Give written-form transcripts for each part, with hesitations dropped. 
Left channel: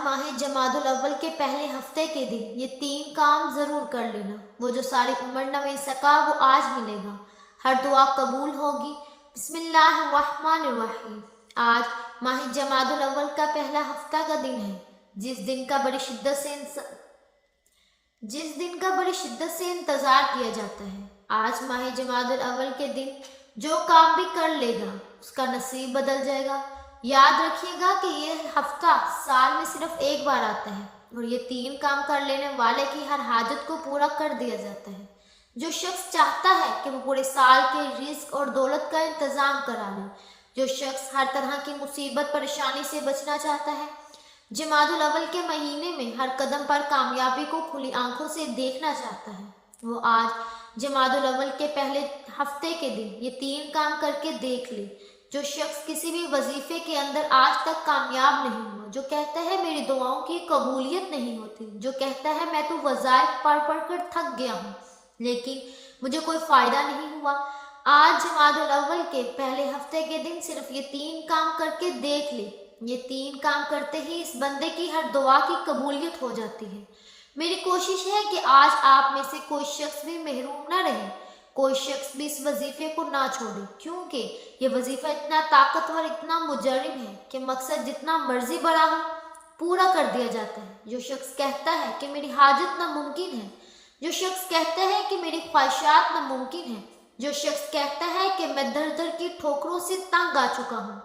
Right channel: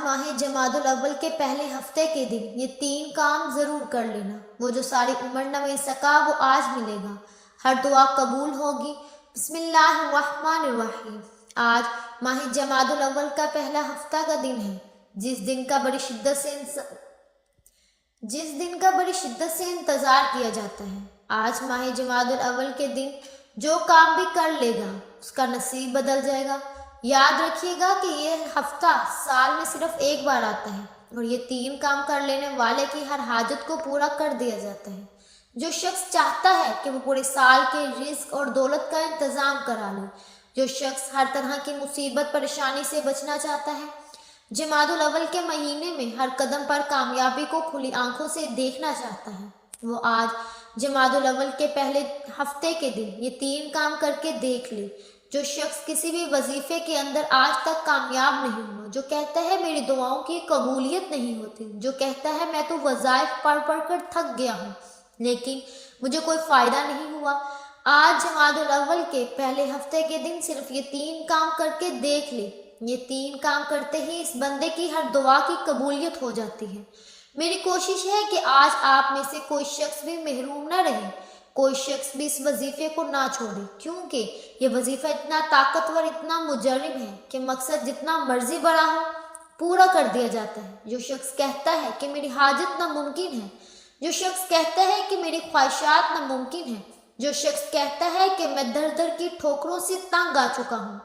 ماہ جمادی الاول کے پہلے ہفتے کے دن یہ 3 کام ضرور کر لینا۔ وہ جو ساری عمر نہ مل سکا وہ آج ملے گا۔ ہر دعا قبول ہوگی۔ بسم اللہ الرحمن الرحیم۔ آج ماہ جمادی الاول کا پہلا ہفتہ کا دن ہے، جس دن کا بڑی شدت سے انتظار کیا جاتا ہے۔ آج ماہ جمادی الاول کے دن جو کام بھی کر لے گا اس کا نصیب بدل جائے گا۔ یاد رکھیے گا کہ یہ ہفتہ سال میں صرف ایک بار آتا ہے اور یہ 3 کام کر لینے والے کی ہر حاجت کو پورا کر دیا جاتا ہے۔ جو شخص چاہتا ہے کہ وہ پورے سال کے رزق اور دولت کا انتظام کرا لے، جو شخص ہر طرح کی مصیبت پریشانی سے بچنا چاہتا ہے، جمادی الاول کے مہینے میں ہر قدم پر کامیابی کو کھلی آنکھوں سے دیکھنا چاہتا ہے، وہ آج جمادی الاول کے پہلے ہفتے کے دن یہ 3 کام کر کے دیکھ لے۔ جو شخص کسی بھی وظیفے کے اندر آج تک کامیاب نہیں ہوا، جو کہتا ہے میری دعاؤں کی قبولیت نہیں ہوتی، جو کہتا ہے میں تو وظائف پڑھ کر تھک گیا ہوں لیکن مجھے کوئی فائدہ نہیں ہوا، آج جمادی الاول کے پہلے ہفتے کے دن صرف یہ 3 کام کر کے دیکھ لے۔ یہ 3 کام کرتے ہی اس بندے کی ہر دعا کی قبولیت ہو جاتی ہے۔ میری کوشش ہے کہ آج آپ میں سے کوئی شخص بھی محروم نہ رہے، کوئی شخص بھی اس وظیفے کو نہ چھوڑے، کیونکہ یہ وظیفہ اتنا طاقتور، اتنا مجرب ہے کہ مقصد جتنا مرضی بڑا ہو پورا کر دیا جاتا ہے۔ جو شخص کہتا ہے کہ میری حاجت ناممکن ہے، جو شخص کہتا ہے کہ میری خواہشات ناممکن ہیں، جو شخص کہتا ہے کہ میں در در کی ٹھوکروں سے تنگ آ چکا ہوں،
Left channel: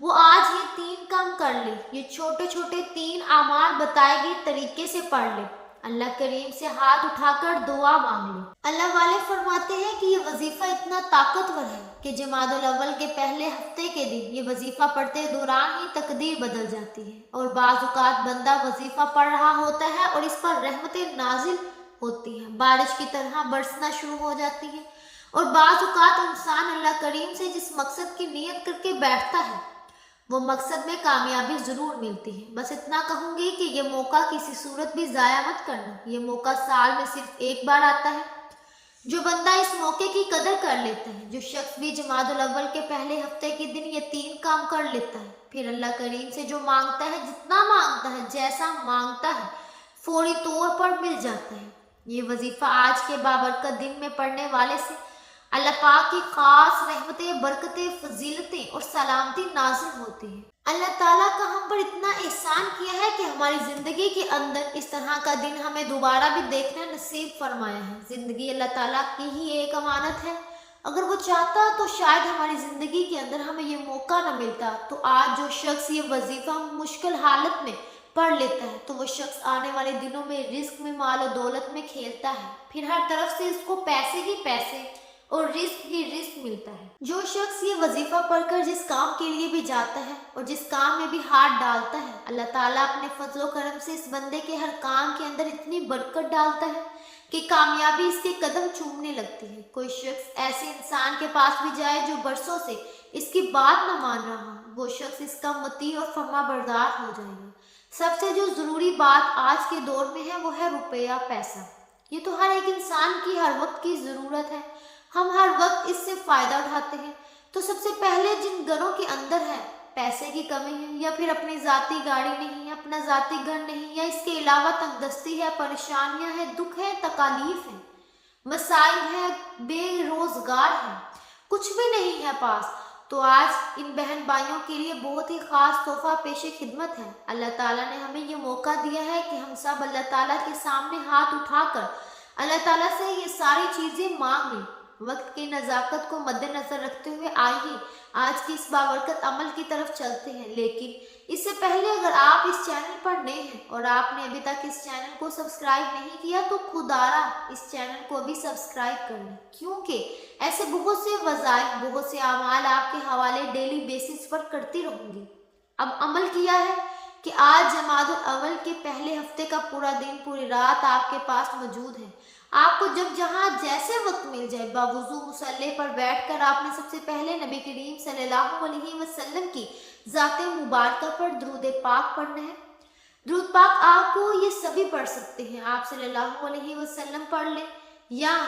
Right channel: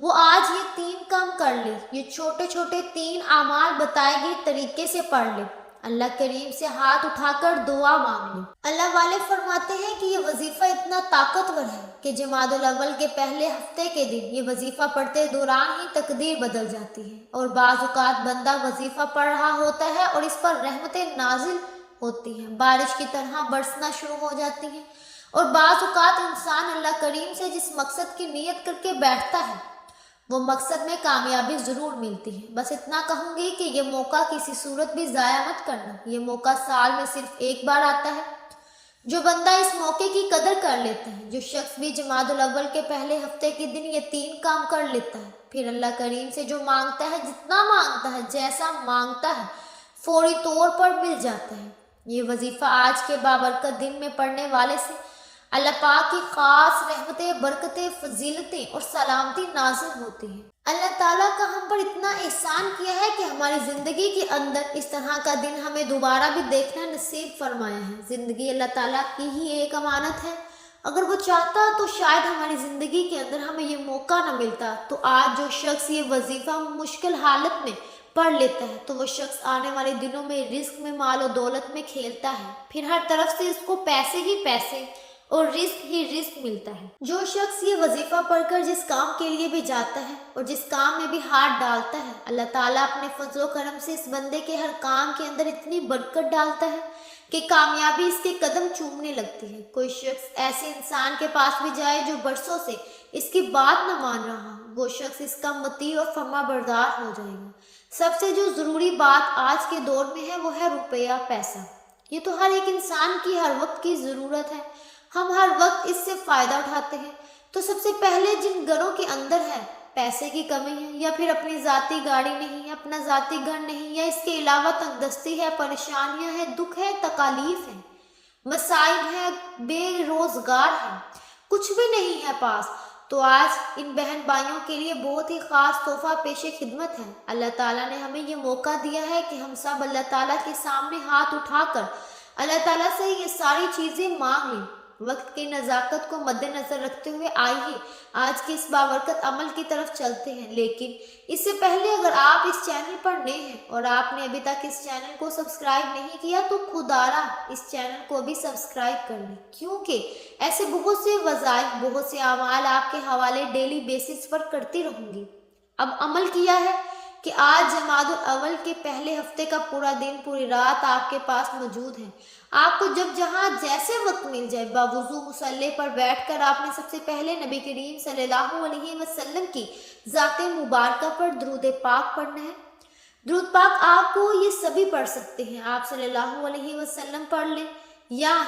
وہ آج یہ 3 کام کر لے۔ یہ چھوٹے چھوٹے 3 اعمال بتائے گئے طریقے سے پڑھ لے، اللہ کریم سے ہاتھ اٹھا کر دعا مانگ لے۔ اللہ والے فرماتے ہیں کہ یہ وظیفہ اتنا طاقتور ہے کہ جمادی الاول کے پہلے ہفتے کے دن یہ وظیفہ پڑھتے دوران ہی تقدیر بدل جاتی ہے، اور بعض اوقات بندہ وظیفہ پڑھ رہا ہوتا ہے اور اس پر رحمتیں نازل ہوتی ہیں، بارش کی طرح برسنا شروع ہو جاتی ہیں، اور بعض اوقات انسان اللہ کریم سے جس مقصد کی نیت کر کے بیٹھتا ہے وہ مقصد میں کامیابی ضرور ملتی ہے۔ بس اتنا کہوں گی کہ یہ موقع کسی صورت بھی ضائع مت کرنا، یہ موقع سال میں صرف ایک بار آتا ہے۔ جو بندہ اس موقع کی قدر کر لیتا ہے، جو شخص بھی جمادی الاول کے پہلے ہفتے کے دن یہ 3 کام کر لیتا ہے، پھر اللہ کریم سے جو مانگتا ہے، جتنا مانگتا ہے، جیسا مانگتا ہے، فوری طور پر مل جاتا ہے۔ یہ وظیفہ آج کے بابرکت دن میں پڑھنے والے سے اللہ پاک کی خاص رحمتیں، برکتیں، فضیلتیں اور سلامتی نازل ہوتی ہیں۔ اللہ تعالیٰ کا ہم پر اتنا احسان کیا ہے کہ ہماری زندگی کے اندر اس طرح کا دن ہمیں دوبارہ بھی دیکھنا نصیب فرمایا ہے۔ زندگی اللہ تعالیٰ کی ہی ایک امانت ہے، اگر وہ چاہتا تو شاید ہماری زندگی کے اندر ہمیں یہ موقع نہ ملتا۔ تو آج جو شخص یہ وظیفہ مشکل حالت میں پڑھ لیتا ہے تو وہ شخص آنے والے دنوں میں رزق میں، مال و دولت میں کھیلتا ہے، پھر ہر طرف سے اس کو پیسے ہی پیسے اور رزق ہی رزق ملتا ہے۔ جو شخص یہ وظیفہ پڑھ کر جس کام کے لیے بھی جاتا ہے اور جس کام میں بھی ہاتھ ڈالتا ہے، اللہ تعالیٰ اپنے فضل و کرم سے اس بندے کے ہر کام کے اندر اتنی برکت ڈالتا ہے کہ کامیابی اس کے قدم چومنے لگتی ہے۔ کوئی شخص ایسے انسان کے پاس بھی جائے جو برسوں سے اس کی بات نہ مان رہا، وہ شخص اس کا مطیع اور فرما بردار ہو جائے گا۔ سب سے جو ضروری بات آج کے دور میں ہے وہ ہے روپیہ، پیسہ۔ یہ تو ہر ایک انسان کی ہر وقت کی ضرورت ہے، ہم ہر وقت اس سے فائدہ اٹھاتے ہیں۔ تو سب سے پہلے جن گھروں کے اندر ہے پیسے کی کمی ہے، یا پھر اپنی ذاتی گاڑی نہیں ہے، اپنا ذاتی گھر نہیں، یا اس کے علاوہ تنگ دستی ہے، پریشانیاں ہیں، دکھ ہے، تکالیف ہیں، مصائب ہے، بے روزگار ہے، کچھ بھی نہیں ہے پاس، تو آج ان بہن بھائیوں کے لیے بہت ہی خاص تحفہ پیش خدمت ہے۔ اللہ تعالیٰ نے ہمیں یہ موقع دیا ہے کہ ہم سب اللہ تعالیٰ کے سامنے ہاتھ اٹھا کر اللہ تعالیٰ سے یہ ساری چیزیں مانگ لیں۔ وقت کی نزاکت کو مد نظر رکھتے ہوئے آئیے آج کے اس بابرکت عمل کی طرف چلتے ہیں، لیکن اس سے پہلے اگر آپ اس چینل پر نئے ہیں اور آپ نے ابھی تک اس چینل کو سبسکرائب نہیں کیا تو خدارا اس چینل کو بھی سبسکرائب کر لیں، کیونکہ ایسے بہت سے وظائف، بہت سے اعمال آپ کے حوالے ڈیلی بیسس پر کرتی رہوں گی۔ اب عمل کیا ہے کہ آج جمادی الاول کے پہلے ہفتے کا پورا دن، پوری رات آپ کے پاس موجود ہے۔ آپ کو جب جہاں جیسے وقت مل جائے باوضو مصلی پر بیٹھ کر آپ نے سب سے پہلے نبی کریم صلی اللہ علیہ وسلم کی ذات مبارکہ پر درود پاک پڑھنا ہے۔ درود پاک آپ کو یہ سبھی پڑھ سکتے ہیں، آپ صلی اللہ علیہ وسلم پڑھ لیں، یا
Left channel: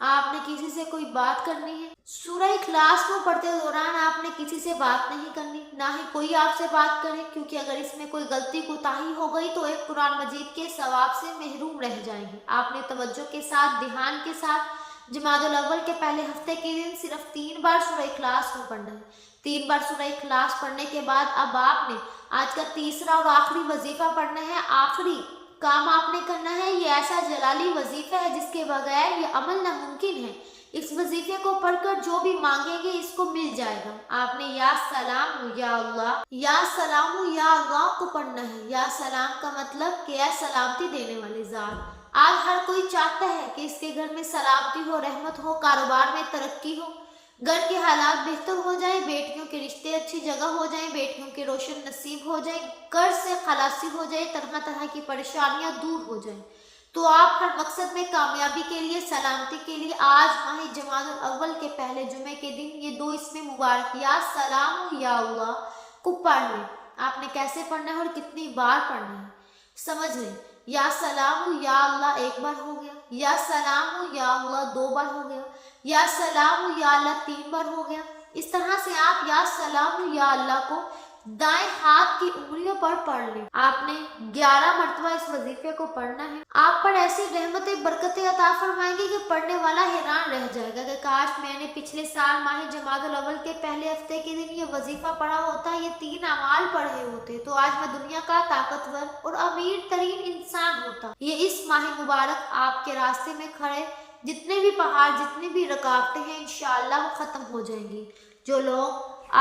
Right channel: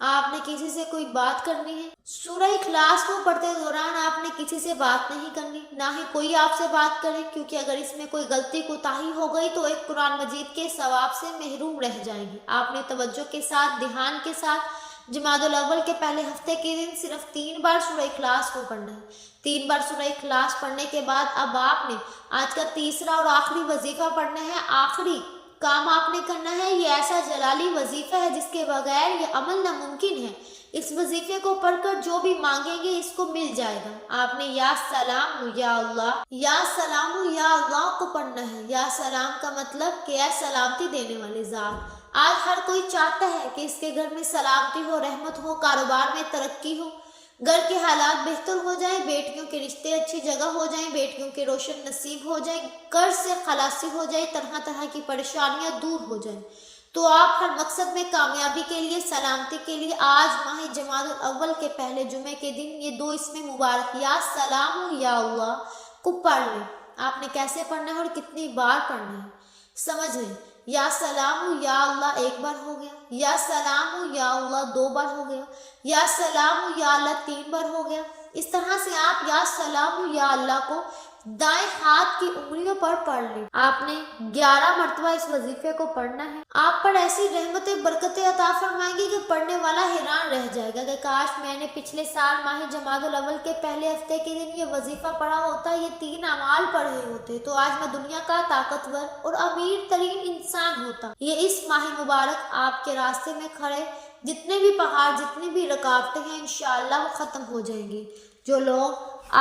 آپ نے کسی سے کوئی بات کرنی ہے؟ سورہ اخلاص کو پڑھتے دوران آپ نے کسی سے بات نہیں کرنی، نہ ہی کوئی آپ سے بات کرے، کیونکہ اگر اس میں کوئی غلطی کوتاہی ہو گئی تو ایک قرآن مجید کے ثواب سے محروم رہ جائے گی۔ آپ نے توجہ کے ساتھ، دھیان کے ساتھ جمادی الاول کے پہلے ہفتے کے دن صرف 3 بار سورہ اخلاص کو پڑھنا ہے۔ 3 بار سورہ اخلاص پڑھنے کے بعد اب آپ نے آج کا تیسرا اور آخری وظیفہ پڑھنا ہے۔ آخری کام آپ نے کرنا ہے، یہ ایسا جلالی وظیفہ ہے جس کے بغیر یہ عمل ناممکن ہے۔ اس وظیفے کو پڑھ کر جو بھی مانگیں گے اس کو مل جائے گا۔ آپ نے یا سلام یا اللہ، یا سلام یا اللہ کو پڑھنا ہے۔ یا سلام کا مطلب کہ اے سلامتی دینے والے ذات۔ آج ہر کوئی چاہتا ہے کہ اس کے گھر میں سلامتی ہو، رحمت ہو، کاروبار میں ترقی ہو، گھر کے حالات بہتر ہو جائیں، بیٹیوں کے رشتے اچھی جگہ ہو جائیں، بیٹیوں کے روشن نصیب ہو جائیں، قرض سے خلاصی ہو جائے، طرح طرح کی پریشانیاں دور ہو جائیں۔ تو آپ ہر مقصد میں کامیابی کے لیے، سلامتی کے لیے آج ماہ جمادی الاول کے پہلے جمعے کے دن یہ 2 اسم مبارک یا سلام یا اللہ کو پڑھ لیں۔ آپ نے کیسے پڑھنا ہے اور کتنی بار پڑھنا ہے سمجھ لیں۔ یا سلام یا اللہ 1 بار ہو گیا، یا سلام یا اللہ 2 بار ہو گیا، یا سلام یا اللہ 3 بار ہو گیا۔ اس طرح سے آپ یا سلام یا اللہ کو دائیں ہاتھ کی انگلیوں پر پڑھ لیں۔ آپ نے 11 مرتبہ اس وظیفے کو پڑھنا ہے۔ آپ پر ایسی رحمتیں برکتیں عطا فرمائیں گے کہ پڑھنے والا حیران رہ جائے گا کہ کاش میں نے پچھلے سال ماہ جمادی الاول کے پہلے ہفتے کے دن یہ وظیفہ پڑھا ہوتا، یہ 3 اعمال پڑھے ہوتے تو آج میں دنیا کا طاقتور اور امیر ترین انسان ہوتا۔ یہ اس ماہ مبارک آپ کے راستے میں کھڑے جتنے بھی پہاڑ، جتنی بھی رکاوٹیں ہیں انشاءاللہ وہ ختم ہو جائیں گی۔ جو لوگ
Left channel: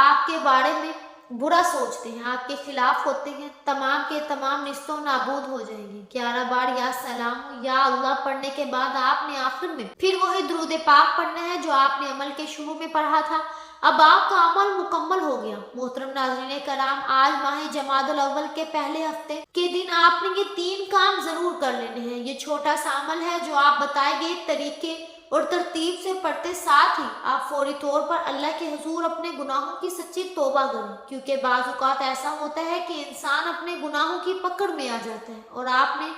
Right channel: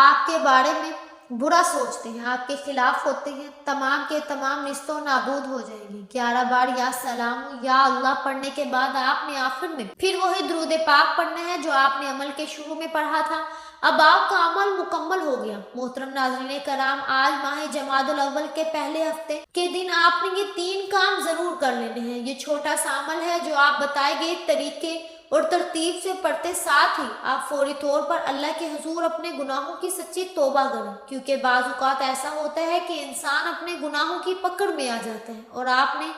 آپ کے بارے میں برا سوچتے ہیں، آپ کے خلاف ہوتے ہیں، تمام کے تمام نیست و نابود ہو جائیں گے۔ 11 بار یا سلام یا اللہ پڑھنے کے بعد آپ نے آخر میں پھر وہی درود پاک پڑھنا ہے جو آپ نے عمل کے شروع میں پڑھا تھا۔ اب آپ کا عمل مکمل ہو گیا۔ محترم ناظرین کرام، آج ماہ جمادی الاول کے پہلے ہفتے کے دن آپ نے یہ 3 کام ضرور کر لینے ہیں۔ یہ چھوٹا سا عمل ہے جو آپ بتائے گئے طریقے اور ترتیب سے پڑھتے، ساتھ ہی آپ فوری طور پر اللہ کے حضور اپنے گناہوں کی سچی توبہ کریں، کیونکہ بعض اوقات ایسا ہوتا ہے کہ انسان اپنے گناہوں کی پکڑ میں آ جاتا ہے، اور آپ نے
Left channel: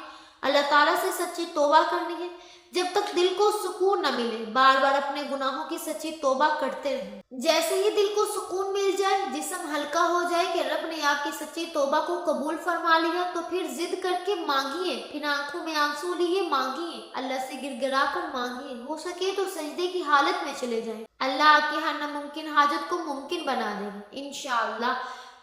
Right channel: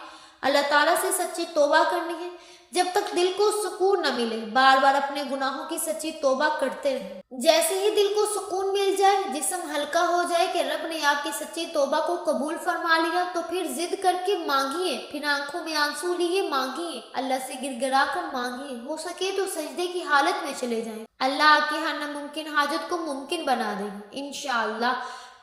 اللہ تعالیٰ سے سچی توبہ کرنی ہے جب تک دل کو سکون نہ ملے۔ بار بار اپنے گناہوں کی سچی توبہ کرتے رہیں۔ جیسے ہی دل کو سکون مل جائے، جسم ہلکا ہو جائے کہ رب نے آپ کی سچی توبہ کو قبول فرما لیا، تو پھر ضد کر کے مانگیے، پھر آنکھوں میں آنسو لیے مانگیے، اللہ سے گر گرا کر مانگیے، ہو سکے تو سجدے کی حالت میں چلے جائیں۔ اللہ آپ کی ہر ناممکن حاجت کو ممکن بنا دے گا انشاءاللہ۔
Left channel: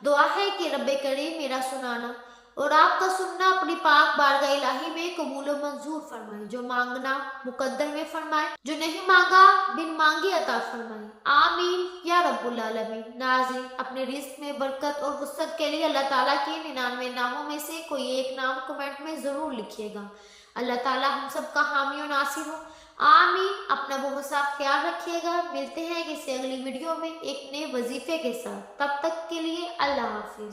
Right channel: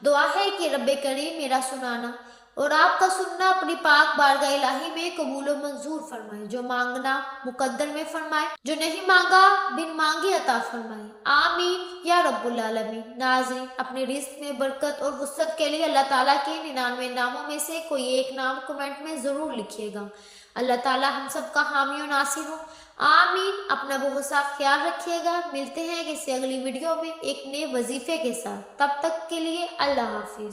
دعا ہے کہ رب کریم میرا سنانا اور آپ کا سننا اپنی پاک بارگاہ الہی میں قبول و منظور فرمائے، جو مانگنا مقدر میں فرمائے، جو نہیں مانگا بن مانگے عطا فرمائے، آمین یا رب العالمین۔ ناظرین، اپنے رزق میں برکت اور وسعت کے لیے اللہ تعالیٰ کے 99 ناموں میں سے کوئی ایک نام کمنٹ میں ضرور لکھیے گا۔ اللہ تعالیٰ ہم سب کا حامی و ناصر ہو، آمین۔ اپنا بہت سا خیال رکھیے گا۔ ملتے ہیں کسی اگلی ویڈیو میں ایک نئے وظیفے کے ساتھ، تب تک کے لیے اللہ حافظ۔